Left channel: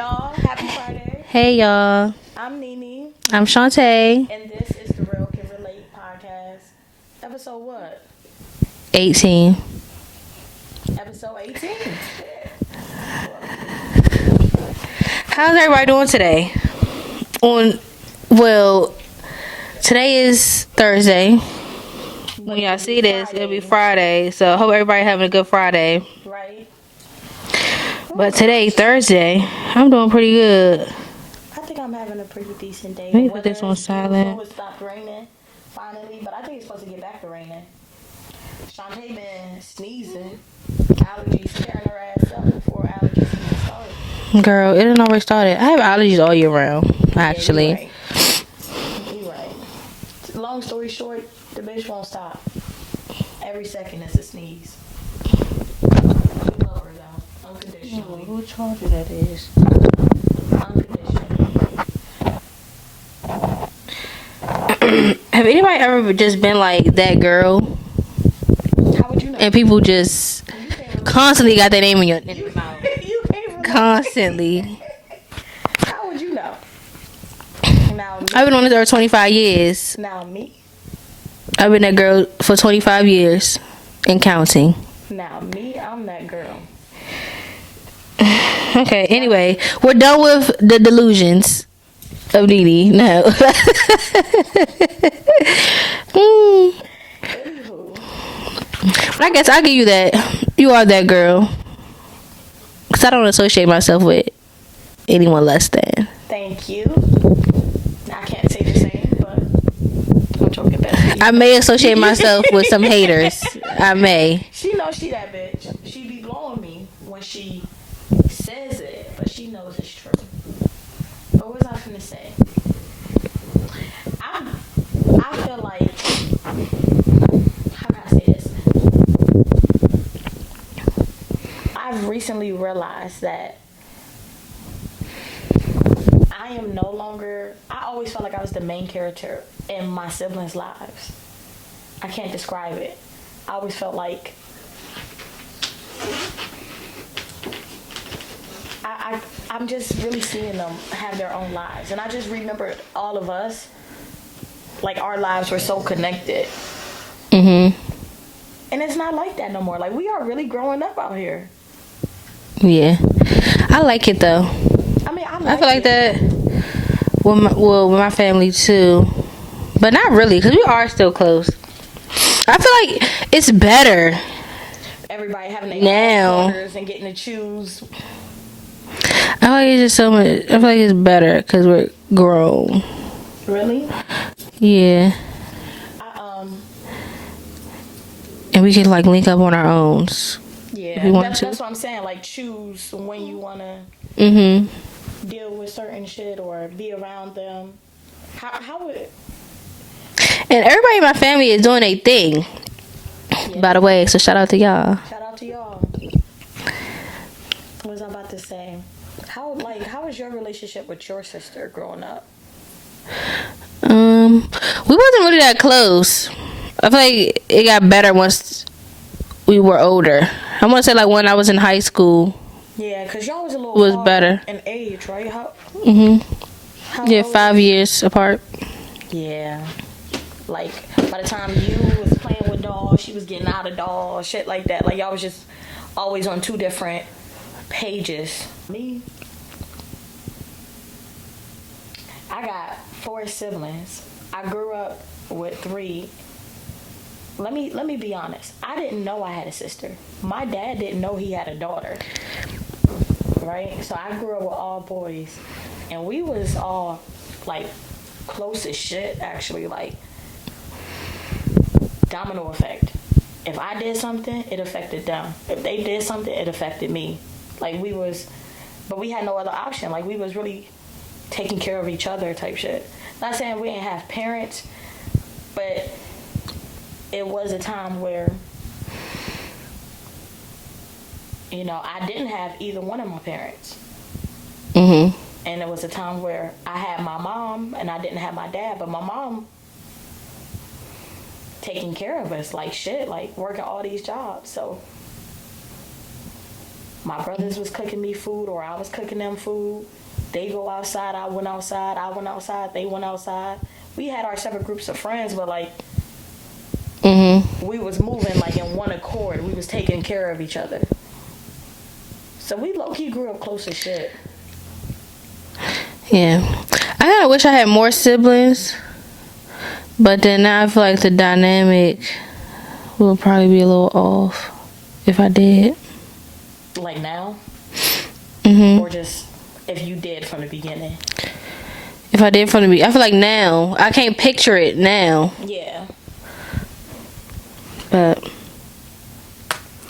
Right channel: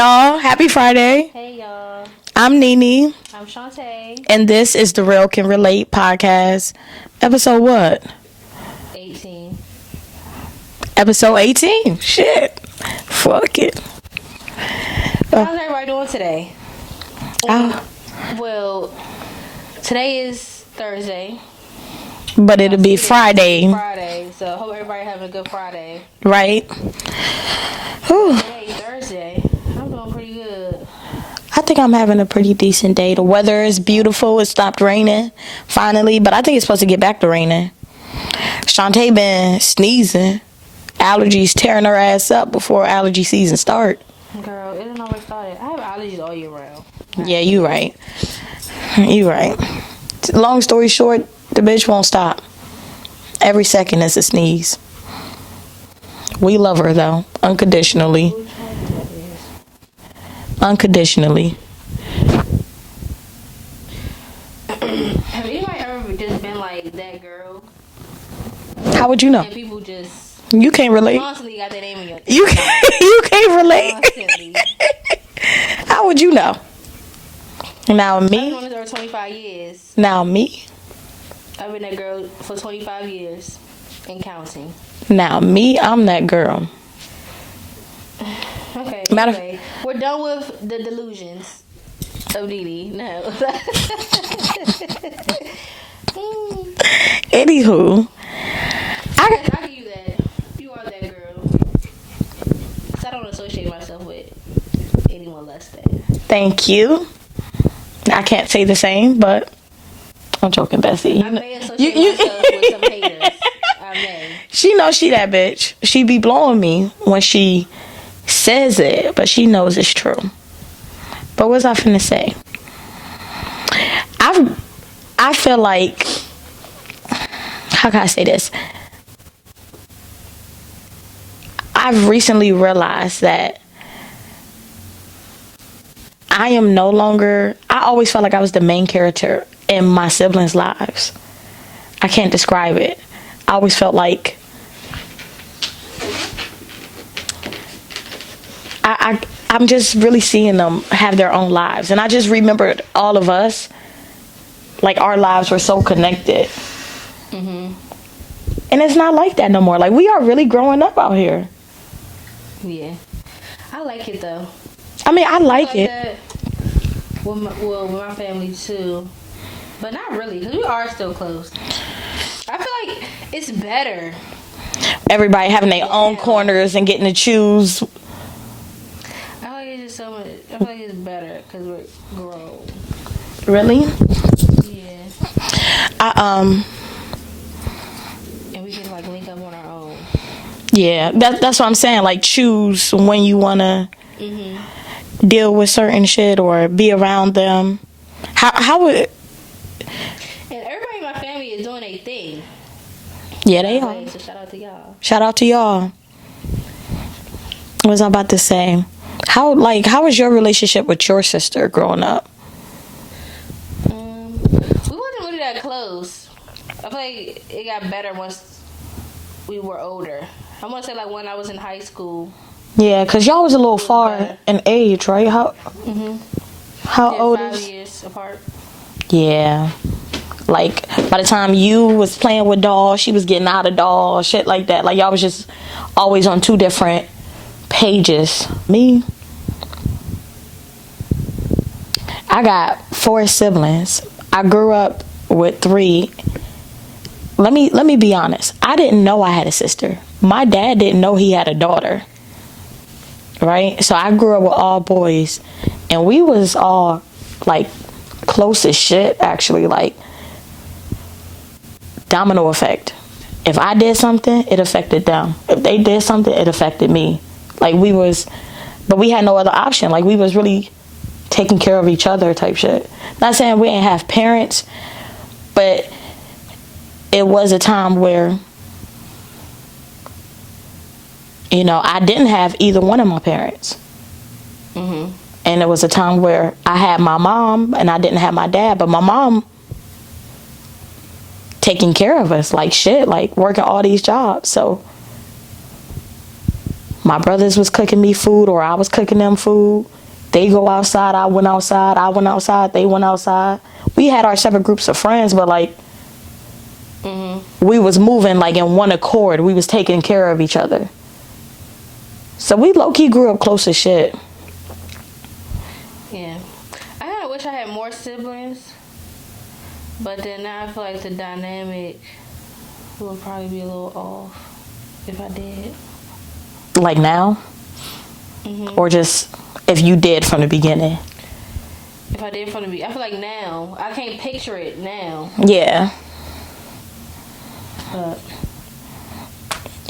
y'all. Happy Friday. Hey, y'all. I'm Nene. I'm Shantae. And this is the Real Can Relate podcast. Episode what? 18. Episode 18. Shit. Fuck it. How's everybody doing today? Well, today is Thursday. But it'll be Friday. Friday. So I hope everybody having a good Friday. Right? But today, Thursday, I'm doing pretty good. I think I'm having a pretty decent day. The weather is beautiful. It stopped raining finally, but I think it's supposed to get back to raining. Shantae been sneezing. Allergies tearing her ass up before allergy season start. Girl, it didn't already started. I have allergies all year round. Actually. Yeah, you right. Long story short, the bitch won't stop. Every second is a sneeze. We love her though, unconditionally. Unconditionally. Have anybody ever just been like that girl? How would you know? And people just you can't relate. Constantly got their name in your you can't relate. Constantly. How would you know? Now me. I've been on this earth 25 years. Now me. I've been that girl for 25 years and counting. Now me, I'm that girl. Okay, anyway, we're done with the delusions of Nene. No. Anywho. I guess I'll give you that. You are that girl. Because I don't associate myself with anyone less than. Thank you. I can't say the same, but I'm joking, Bessie. I may associate myself with some haters. I may. She knows she that bitch. She be blowing me when she says it, but she knows it's true. But what's I finna say? I feel like, how can I say this? I've recently realized that I am no longer, I always felt like I was the main character in my siblings' lives. I can't describe it. I always felt like I'm just really seeing them have their own lives. And I just remembered all of us, like our lives were so connected. Mm-hmm. And it's not like that no more. Like we are really growing up out here. Yeah. I like it though. I mean, I like it. That with my family too. But not really, because we are still close. I feel like it's better. Everybody having their own corners and getting to choose. I feel like it's just so much. I feel like it's better because we're grown. Really? Yeah. And we can like link up on our own. Yeah, that's what I'm saying. Like choose when you wanna deal with certain shit or be around them. How would? And everybody in my family is doing a thing. Yeah. By the way, so shout out to y'all. Shout out to y'all. What was I about to say? How was your relationship with your sister growing up? We wasn't really that close. I feel like it got better once we were older. I want to say like when I was in high school. Yeah, cause y'all was a little far better in age, right? How? How yeah, old 5 years apart. Yeah. Like by the time you was playing with dolls, she was getting out of dolls, shit like that. Like y'all was just always on two different pages. Me, I got 4 siblings. I grew up with 3. Let me be honest. I didn't know I had a sister. My dad didn't know he had a daughter. Right? So I grew up with all boys, and we was all like close as shit. Actually, like domino effect. If I did something, it affected them. If they did something, it affected me. Like but we had no other option. Like we was really taking care of each other type shit. Not saying we ain't have parents, but it was a time where, you know, I didn't have either one of my parents. And it was a time where I had my mom and I didn't have my dad, but my mom taking care of us like shit, like working all these jobs. So my brothers was cooking me food or I was cooking them food. They go outside, I went outside, they went outside. We had our separate groups of friends, but like we was moving like in one accord. We was taking care of each other. So we low-key grew up close as shit. Yeah. I kind of wish I had more siblings. But then now I feel like the dynamic will probably be a little off if I did. Like now? Or just if you did from the beginning? If I did from the beginning. I feel like now, I can't picture it now. Yeah. But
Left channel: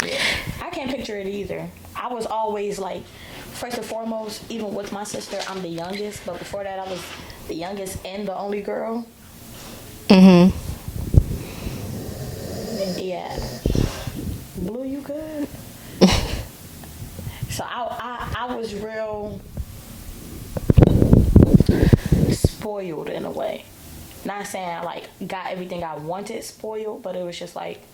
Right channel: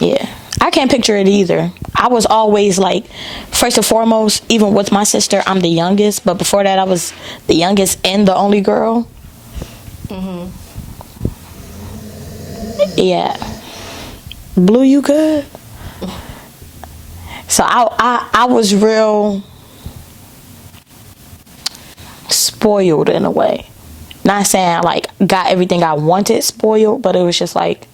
yeah. I can't picture it either. I was always like, first and foremost, even with my sister, I'm the youngest. But before that, I was the youngest and the only girl. Yeah. Blue, you good? So I was real spoiled in a way. Not saying I like got everything I wanted spoiled, but it was just like,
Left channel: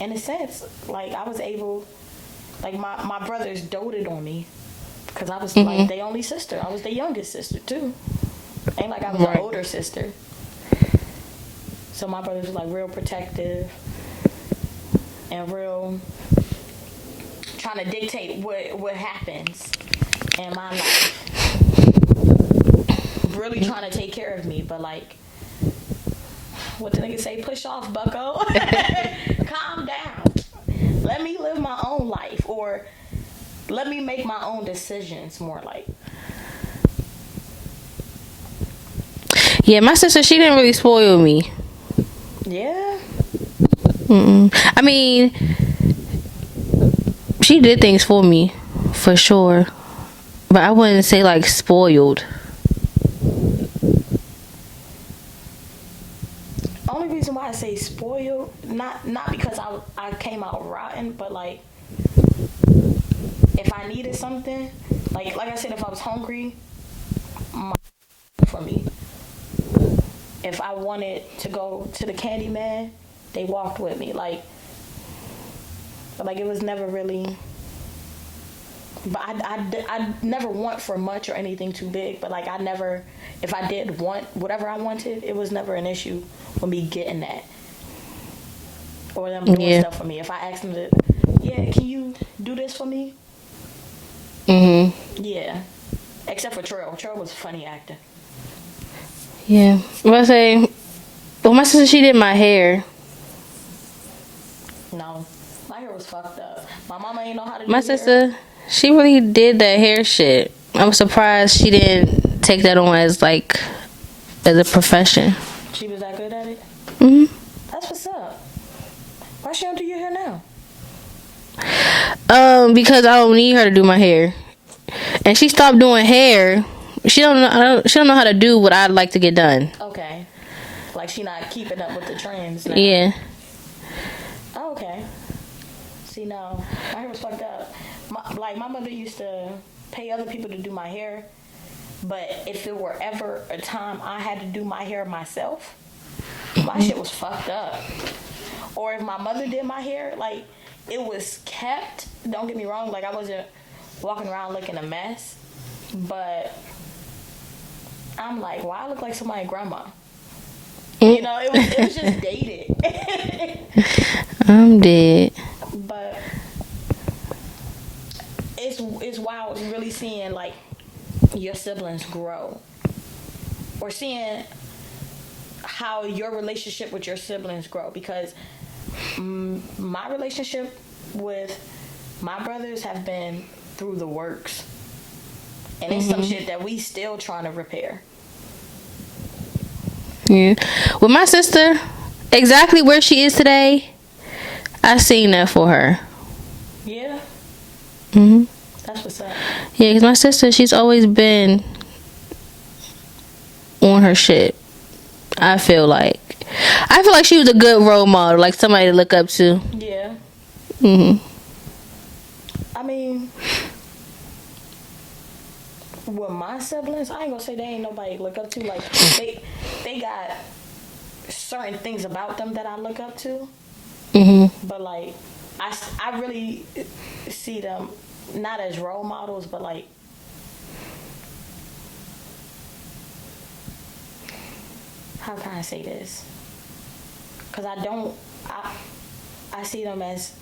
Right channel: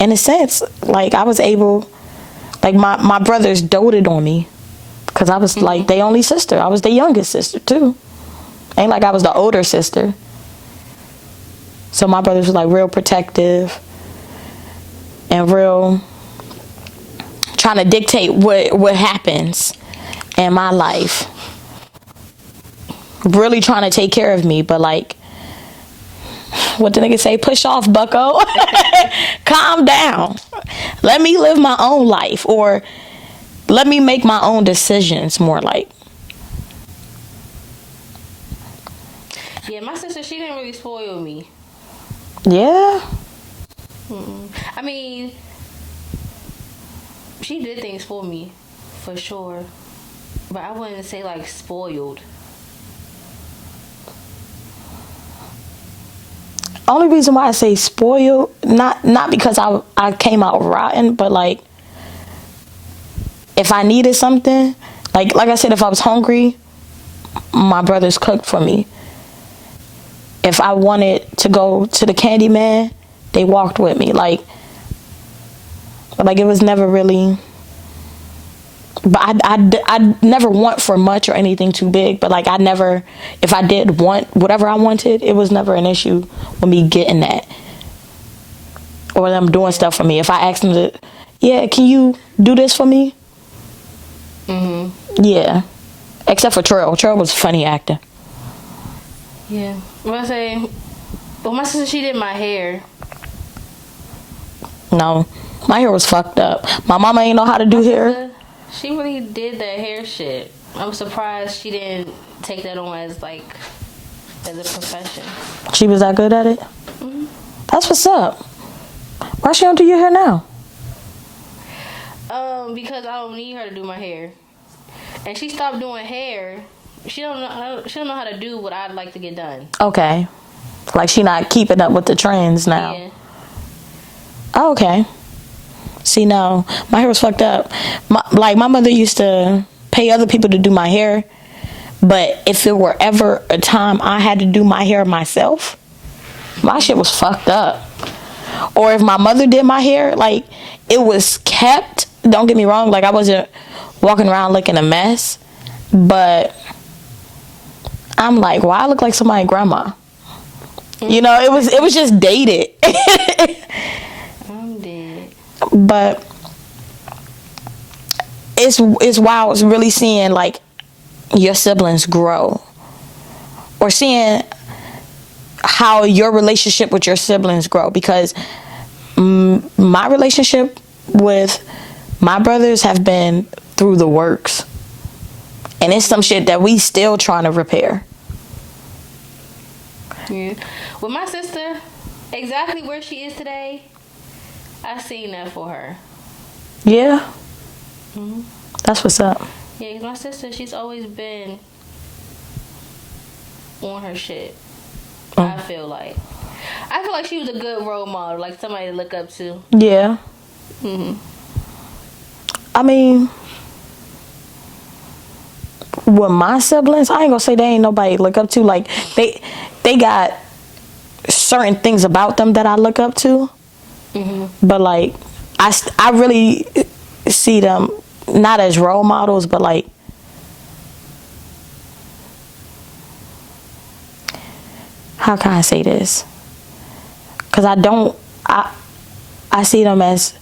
in a sense, like I was able, like my brothers doted on me because I was like their only sister. I was the youngest sister too. Ain't like I was the older sister. So my brothers were like real protective and real trying to dictate what happens in my life. Really trying to take care of me, but like, what the nigga say? Push off, bucko. Calm down. Let me live my own life, or let me make my own decisions, more like. yeah, my sister, she didn't really spoil me. Yeah. I mean, she did things for me, for sure. But I wouldn't say like spoiled. Only reason why I say spoiled, not because I came out rotten, but like if I needed something, like I said, if I was hungry, my brothers cooked for me. If I wanted to go to the candy man, they walked with me. Like it was never really. But I never want for much or anything too big. But like I never, if I did want whatever I wanted, it was never an issue with me getting that or them doing stuff for me. If I asked them to, yeah, can you do this for me? Yeah. Except for Trill. Trill was a funny actor. Yeah. I say, well, my sister, she did my hair. No, my hair was fucked up. My mama ain't know how to do My hair. sister, she really did that hair shit. I'm surprised she didn't take that on as like as a profession. She was that good at it? That's what's up. Why she don't do your hair now? Because I don't need her to do my hair, and she stopped doing hair. She don't know how to do what I'd like to get done. Okay. Like she not keeping up with the trends now. Yeah. Oh, okay. See, no, my hair was fucked up. My mother used to pay other people to do my hair, but if there were ever a time I had to do my hair myself, my shit was fucked up. Or if my mother did my hair, like it was kept. Don't get me wrong, like I wasn't walking around looking a mess, but I'm like, why I look like somebody's grandma? You know, it was just dated. I'm dead. But it's wild. It's really seeing like your siblings grow, or seeing how your relationship with your siblings grow. Because my relationship with my brothers have been through the works, and it's some shit that we still trying to repair. Yeah. With my sister, exactly where she is today, I seen that for her. Yeah. That's what's up. Yeah, because my sister, she's always been on her shit. I feel like she was a good role model, like somebody to look up to. Yeah. I mean, with my siblings, I ain't gonna say they ain't nobody to look up to. Like they got certain things about them that I look up to. But like I really see them not as role models, but like, how can I say this? Because I see them as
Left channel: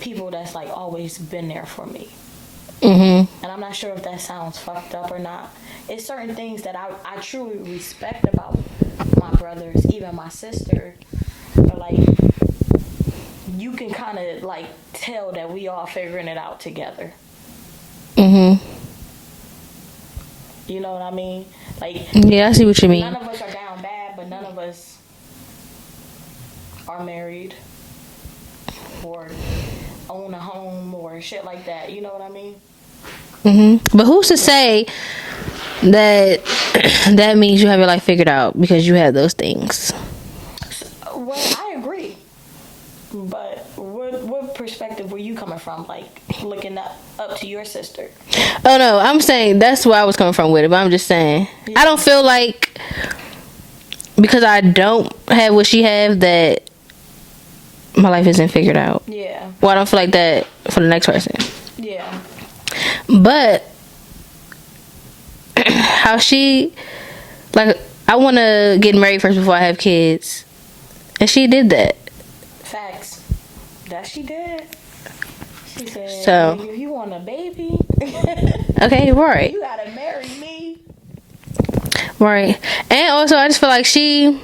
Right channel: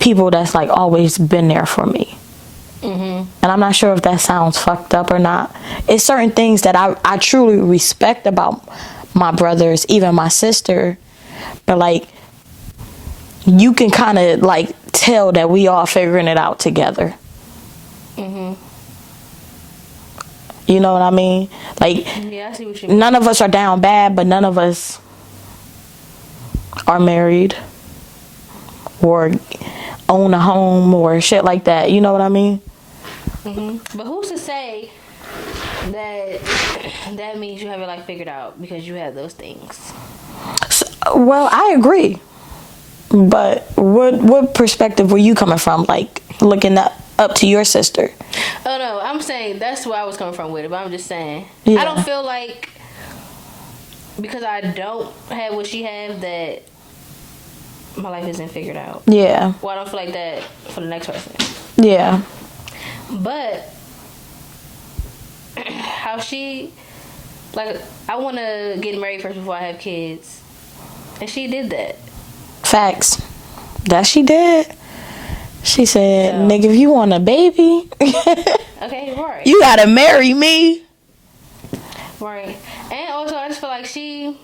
people that's like always been there for me. And I'm not sure if that sounds fucked up or not. It's certain things that I truly respect about my brothers, even my sister. But like, you can kind of like tell that we all figuring it out together. You know what I mean? Like, Yeah, I see what you mean. none of us are down bad, but none of us are married or own a home or shit like that. You know what I mean? But who's to say that that means you have your life figured out because you have those things? Well, I agree. But what perspective were you coming from? Like, looking up to your sister? Oh no, I'm saying that's where I was coming from with it. But I'm just saying, Yeah. I don't feel like because I don't have what she have that my life isn't figured out. Yeah. Well, I don't feel like that for the next person. Yeah. But how she, like, I want to get married first before I have kids, and she did that. Facts. That she did. She said, So- nigga, if you want a baby, Okay, right, you gotta marry me. right. And also, I just feel like she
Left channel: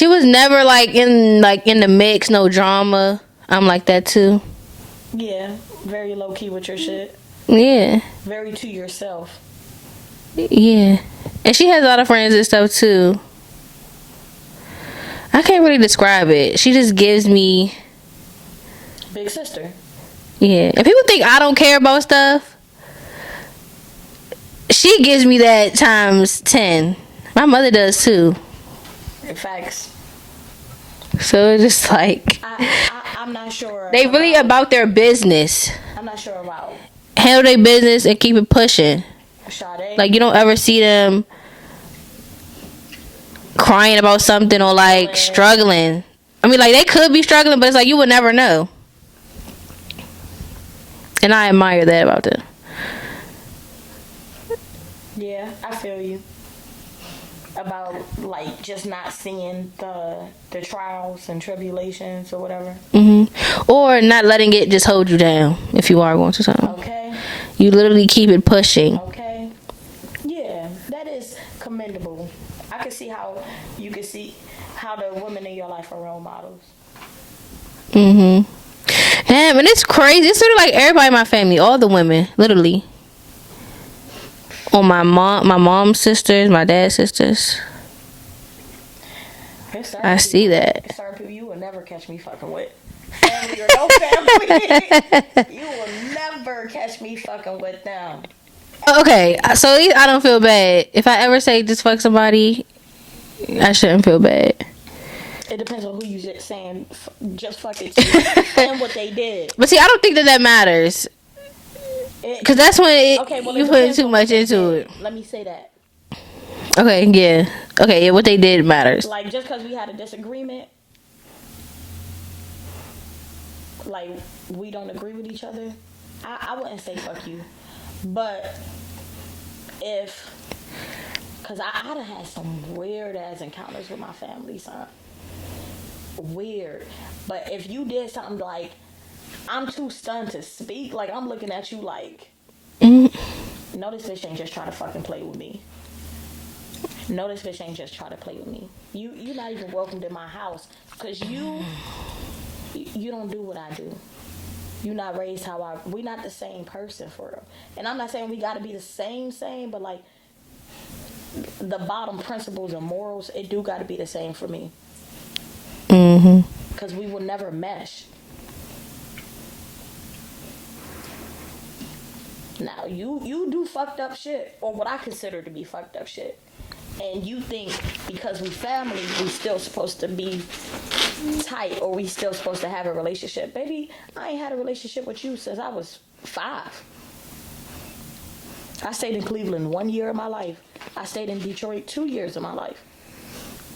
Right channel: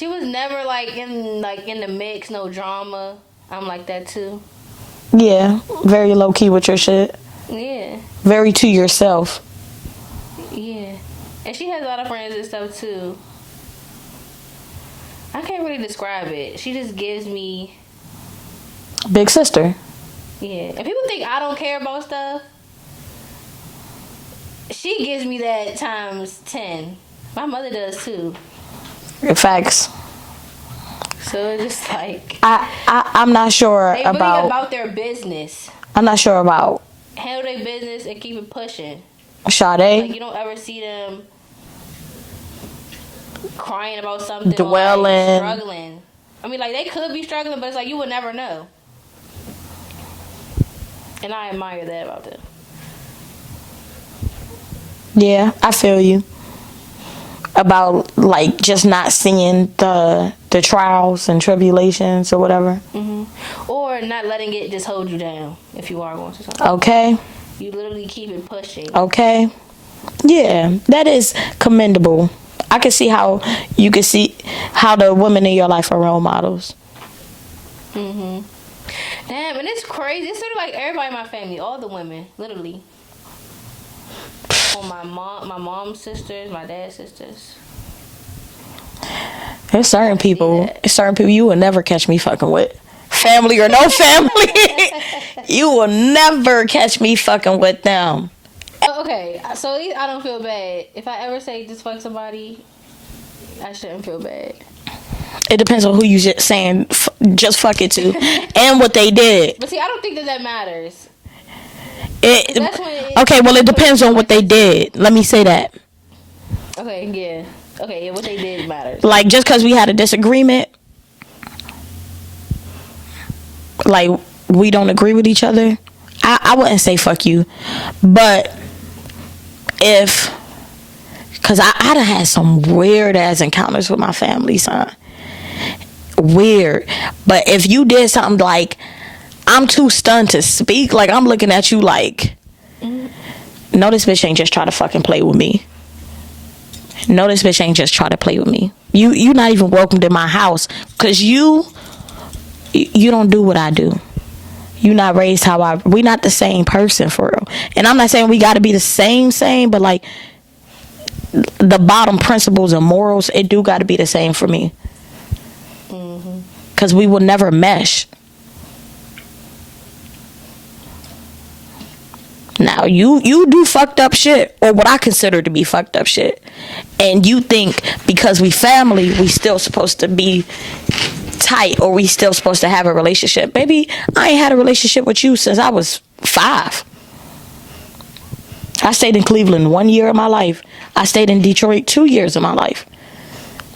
was never like in the mix, no drama. I'm like that too. Yeah. Very low key with your shit. Yeah, Very to yourself. yeah. And she has a lot of friends and stuff too. I can't really describe it. She just gives me, Big sister. yeah. And people think I don't care about stuff. She gives me that times 10. My mother does too. Facts. So it's just like I'm not sure. they really about their business. I'm not sure about Handle their business and keep it pushing. Sade. Like, you don't ever see them crying about something or like Dwelling. struggling. I mean, like, they could be struggling, but it's like you would never know. And I admire that about them. Yeah, I feel you. About like just not seeing the trials and tribulations or whatever. Or not letting it just hold you down if you are going through something. Okay. You literally keep it pushing. Okay. Yeah, that is commendable. I can see how you can see how the women in your life are role models. Damn, and it's crazy. It's sort of like everybody in my family, all the women, literally. On my mom's sisters, my dad's sisters. There's certain I see people. that. There's certain people you will never catch me fucking with. Family or no family, you will never catch me fucking with them. Okay, so at least I don't feel bad. If I ever say just fuck somebody, I shouldn't feel bad. It depends on who you just saying just fuck it to and what they did. But see, I don't think that matters. Because that's when Okay, well, it you put depends too on what much they into did. it. Let me say that. Okay, yeah. Okay, yeah, what they did matters. Like, just because we had a disagreement, like, we don't agree with each other, I wouldn't say fuck you. But if, because I done had some weird-ass encounters with my family, son. Weird. But if you did something like, I'm too stunned to speak, like, I'm looking at you like, no, this bitch ain't just try to fucking play with me. No, this bitch ain't just try to play with me. You not even welcomed in my house because you don't do what I do. You not raised how we not the same person for real. And I'm not saying we got to be the same, but like the bottom principles and morals, it do got to be the same for me. Because we will never mesh. Now, you do fucked up shit, or what I consider to be fucked up shit. And you think because we family, we still supposed to be tight, or we still supposed to have a relationship. Baby, I ain't had a relationship with you since I was 5. I stayed in Cleveland 1 year of my life. I stayed in Detroit 2 years of my life.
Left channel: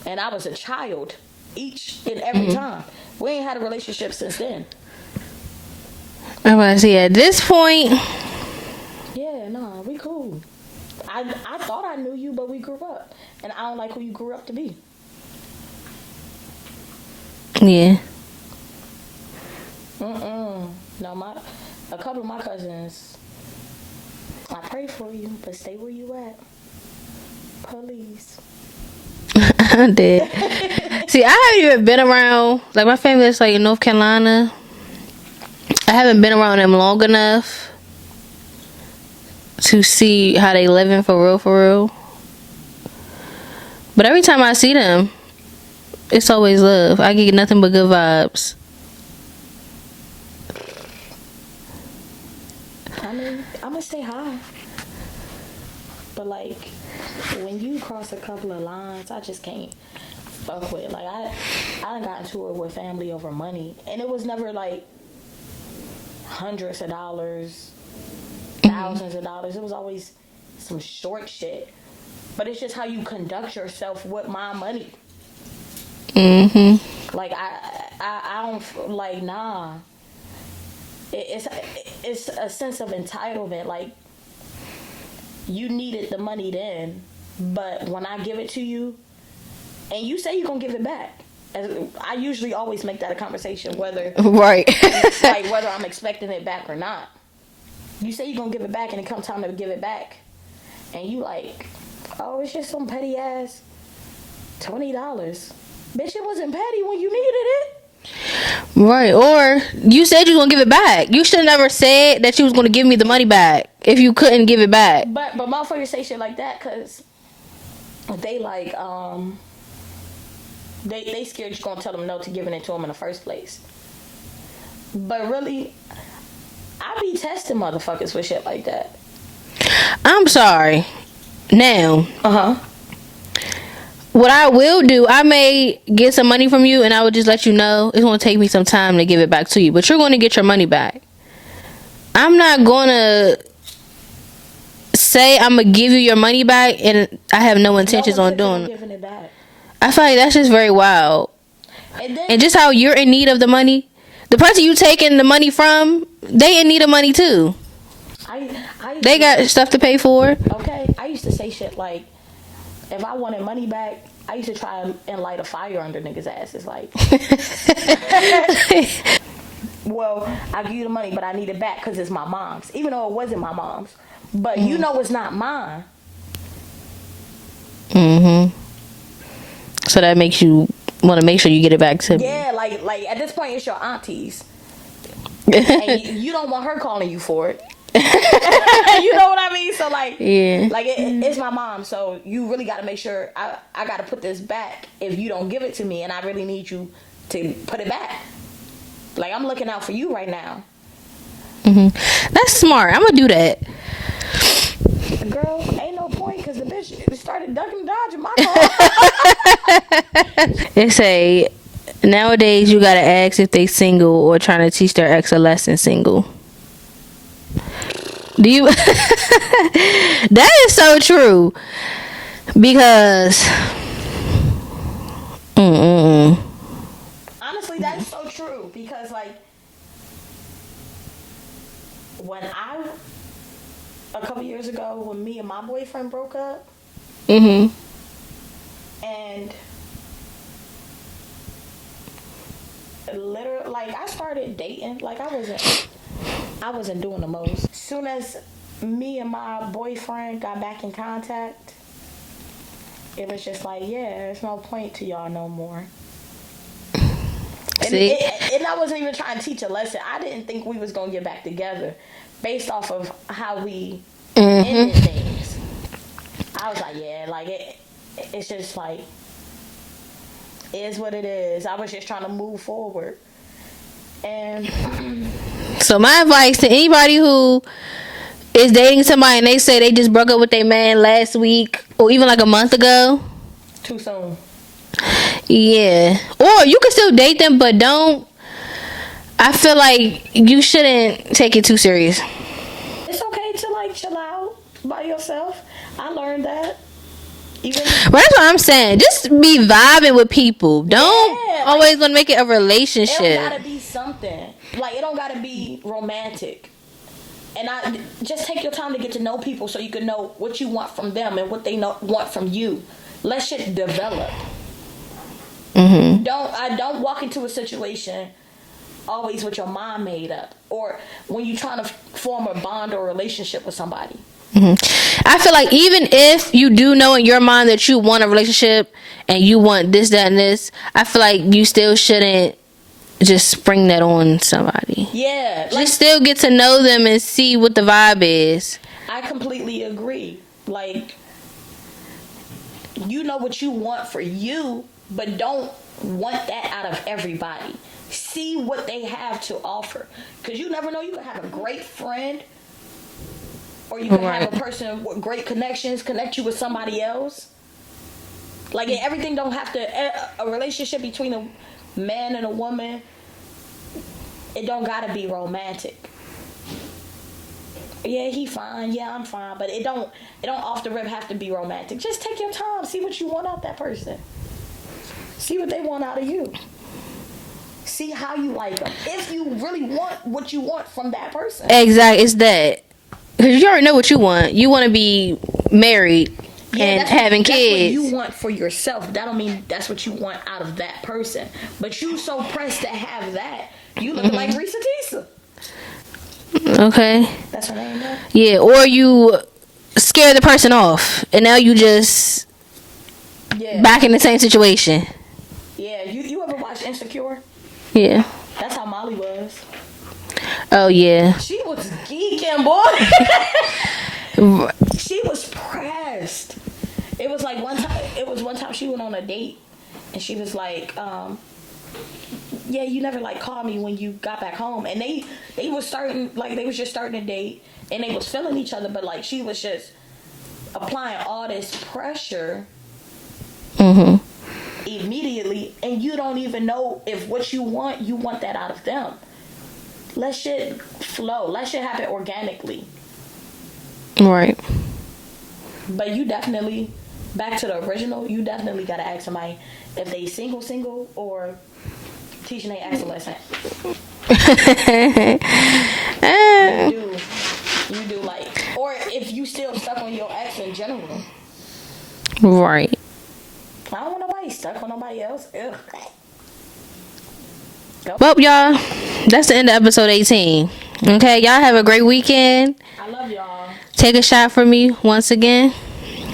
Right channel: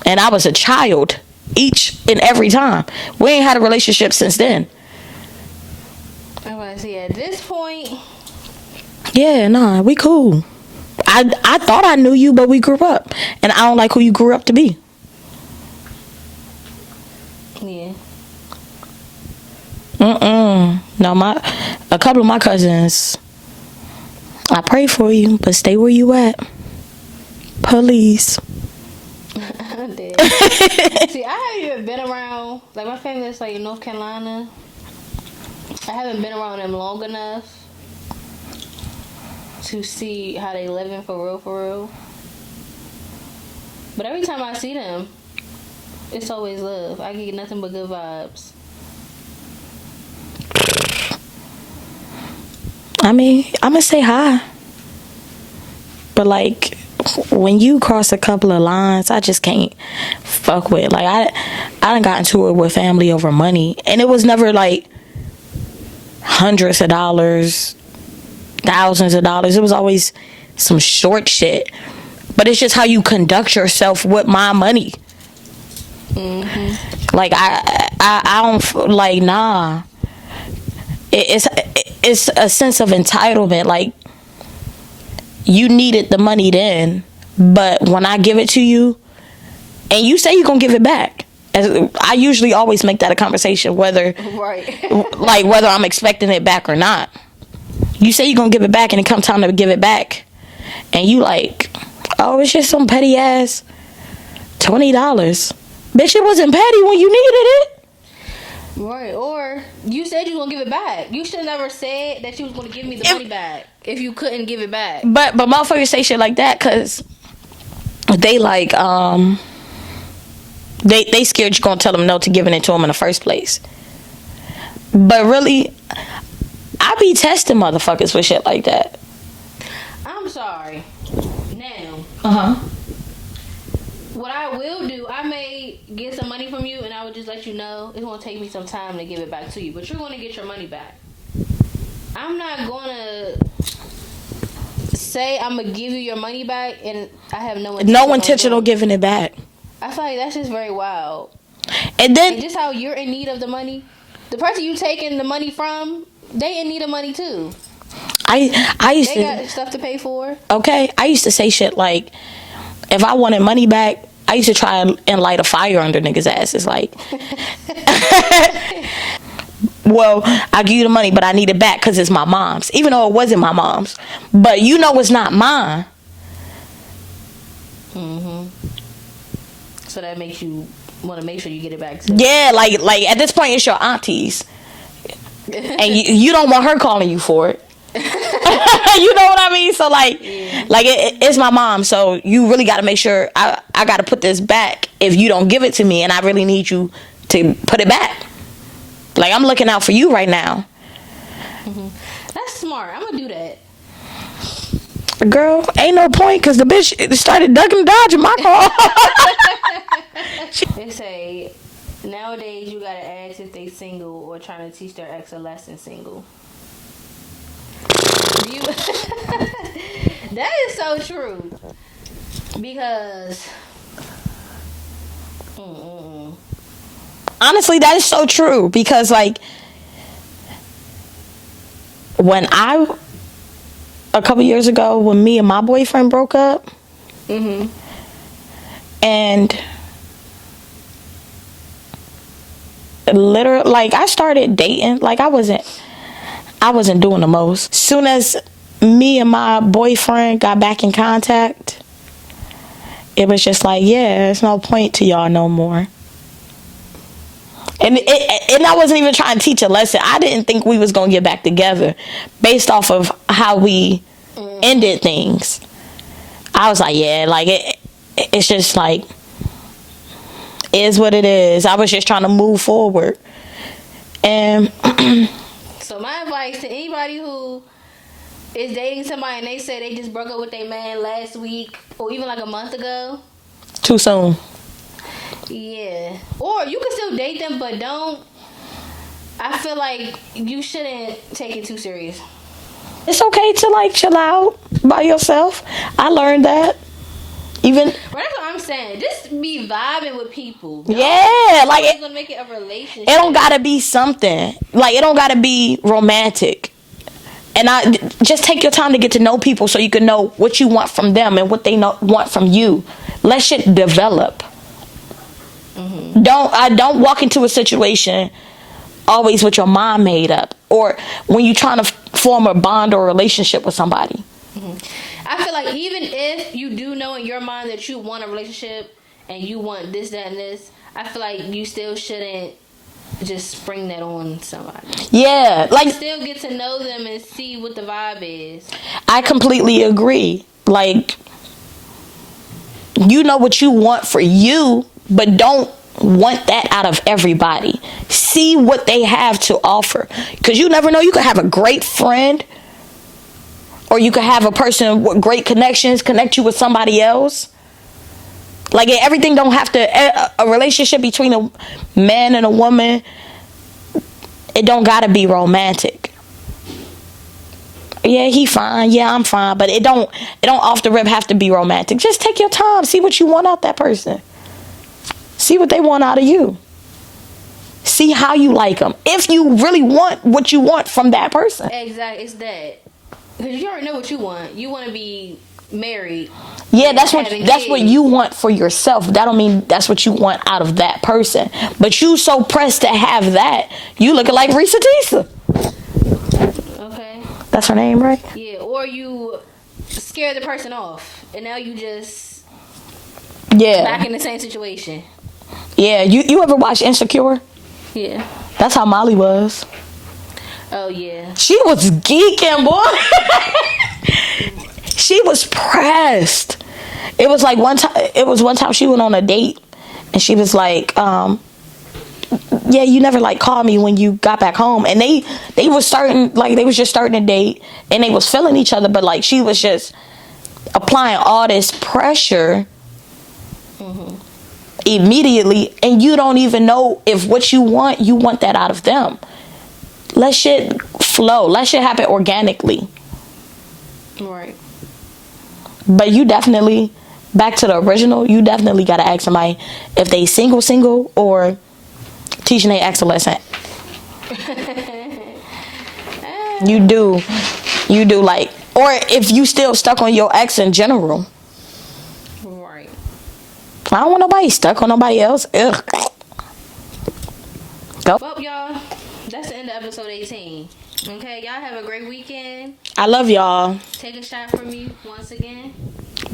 And I was a child each and every time. We ain't had a relationship since then. I'm about to say, at this point, Yeah, nah, we cool. I thought I knew you, but we grew up, and I don't like who you grew up to be. yeah. No, a couple of my cousins, I pray for you, but stay where you at. Please. I did. See, I haven't even been around, like, my family is like in North Carolina. I haven't been around them long enough to see how they living for real. But every time I see them, it's always love. I get nothing but good vibes. I mean, I'm gonna say hi, but like when you cross a couple of lines, I just can't fuck with. Like I done got into it with family over money, and it was never like hundreds of dollars, thousands of dollars. It was always some short shit. But it's just how you conduct yourself with my money. Like I don't like, nah. It's a sense of entitlement. Like, you needed the money then, but when I give it to you, and you say you're gonna give it back, I usually always make that a conversation, whether Right. like whether I'm expecting it back or not. You say you're gonna give it back, and it comes time to give it back, and you like, oh, it's just some petty ass $20. Bitch, it wasn't petty when you needed it. Right. Or you said you was gonna give it back. You should have never said that you was gonna give me the money back if you couldn't give it back. But motherfuckers say shit like that because they like they scared you gonna tell them no to giving it to them in the first place. But really, I be testing motherfuckers with shit like that. I'm sorry. Now, Uh-huh. what I will do, I may get some money from you and I will just let you know it's going to take me some time to give it back to you. But you're going to get your money back. I'm not going to say I'm going to give you your money back and I have no intention on giving it back. I feel like that's just very wild. And then And just how you're in need of the money. The person you taking the money from, they in need of money too. I used They to, got stuff to pay for. okay, I used to say shit like, if I wanted money back, I used to try and light a fire under niggas' asses. Like, well, I'll give you the money, but I need it back because it's my mom's. Even though it wasn't my mom's. But you know it's not mine. So that makes you want to make sure you get it back too. Yeah, like at this point, it's your auntie's. And you don't want her calling you for it. You know what I mean? So like, Yeah. like it's my mom. So you really got to make sure I got to put this back if you don't give it to me, and I really need you to put it back. Like, I'm looking out for you right now. That's smart. I'm gonna do that. Girl, ain't no point because the bitch started ducking and dodging my call. They say nowadays you gotta ask if they single or trying to teach their ex a lesson single. Do you? That is so true. Because Honestly, that is so true because, like, when a couple years ago, when me and my boyfriend broke up, and literally, like, I started dating, like, I wasn't doing the most. Soon as me and my boyfriend got back in contact, it was just like, yeah, there's no point to y'all no more. And I wasn't even trying to teach a lesson. I didn't think we was gonna get back together based off of how we ended things. I was like, yeah, like it's just like, is what it is. I was just trying to move forward. And so my advice to anybody who is dating somebody and they say they just broke up with their man last week or even like a month ago, too soon. Yeah. Or you can still date them, but don't. I feel like you shouldn't take it too serious. It's okay to like chill out by yourself. I learned that. Even But that's what I'm saying. Just be vibing with people. Don't always want to make it a relationship. It don't gotta be something. Like, it don't gotta be romantic. And I just take your time to get to know people so you can know what you want from them and what they want from you. Let shit develop. Don't walk into a situation always with your mind made up, or when you're trying to form a bond or a relationship with somebody. I feel like even if you do know in your mind that you want a relationship and you want this, that, and this, I feel like you still shouldn't just spring that on somebody. Yeah, like, still get to know them and see what the vibe is. I completely agree. Like, you know what you want for you, but don't want that out of everybody. See what they have to offer, because you never know. You could have a great friend, or you could have a person with great connections connect you with somebody else. Like, everything don't have to, a relationship between a man and a woman, it don't gotta be romantic. Yeah, he fine. Yeah, I'm fine. But it don't off the rip have to be romantic. Just take your time. See what you want out that person. See what they want out of you. See how you like them. If you really want what you want from that person. Exactly. It's that. Because you already know what you want. You want to be married. Yeah, that's what you want for yourself. That don't mean that's what you want out of that person. But you so pressed to have that, you looking like Risa Tisa. Okay. That's her name, right? Yeah, or you scare the person off, and now you just back in the same situation. Yeah, you ever watch Insecure? Yeah. That's how Molly was. Oh, yeah. She was geeking, boy. She was pressed. It was one time she went on a date, and she was like, yeah, you never called me when you got back home. And they was just starting a date, and they was feeling each other, but she was just applying all this pressure immediately, and you don't even know if what you want that out of them. Let shit flow. Let shit happen organically. Right. But you definitely, back to the original, you definitely got to ask somebody if they single, or teaching their ex a lesson. You do, or if you still stuck on your ex in general. Right. I don't want nobody stuck on nobody else. Ugh. Go. Well, y'all, that's the end of episode 18. Okay, y'all have a great weekend. I love y'all. Take a shot for me once again.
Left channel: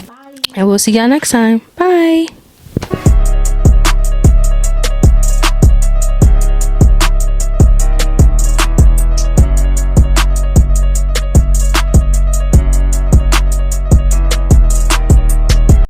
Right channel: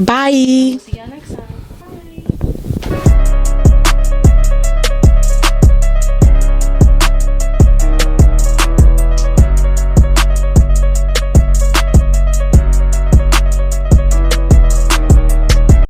Bye. And we'll see y'all next time. Bye.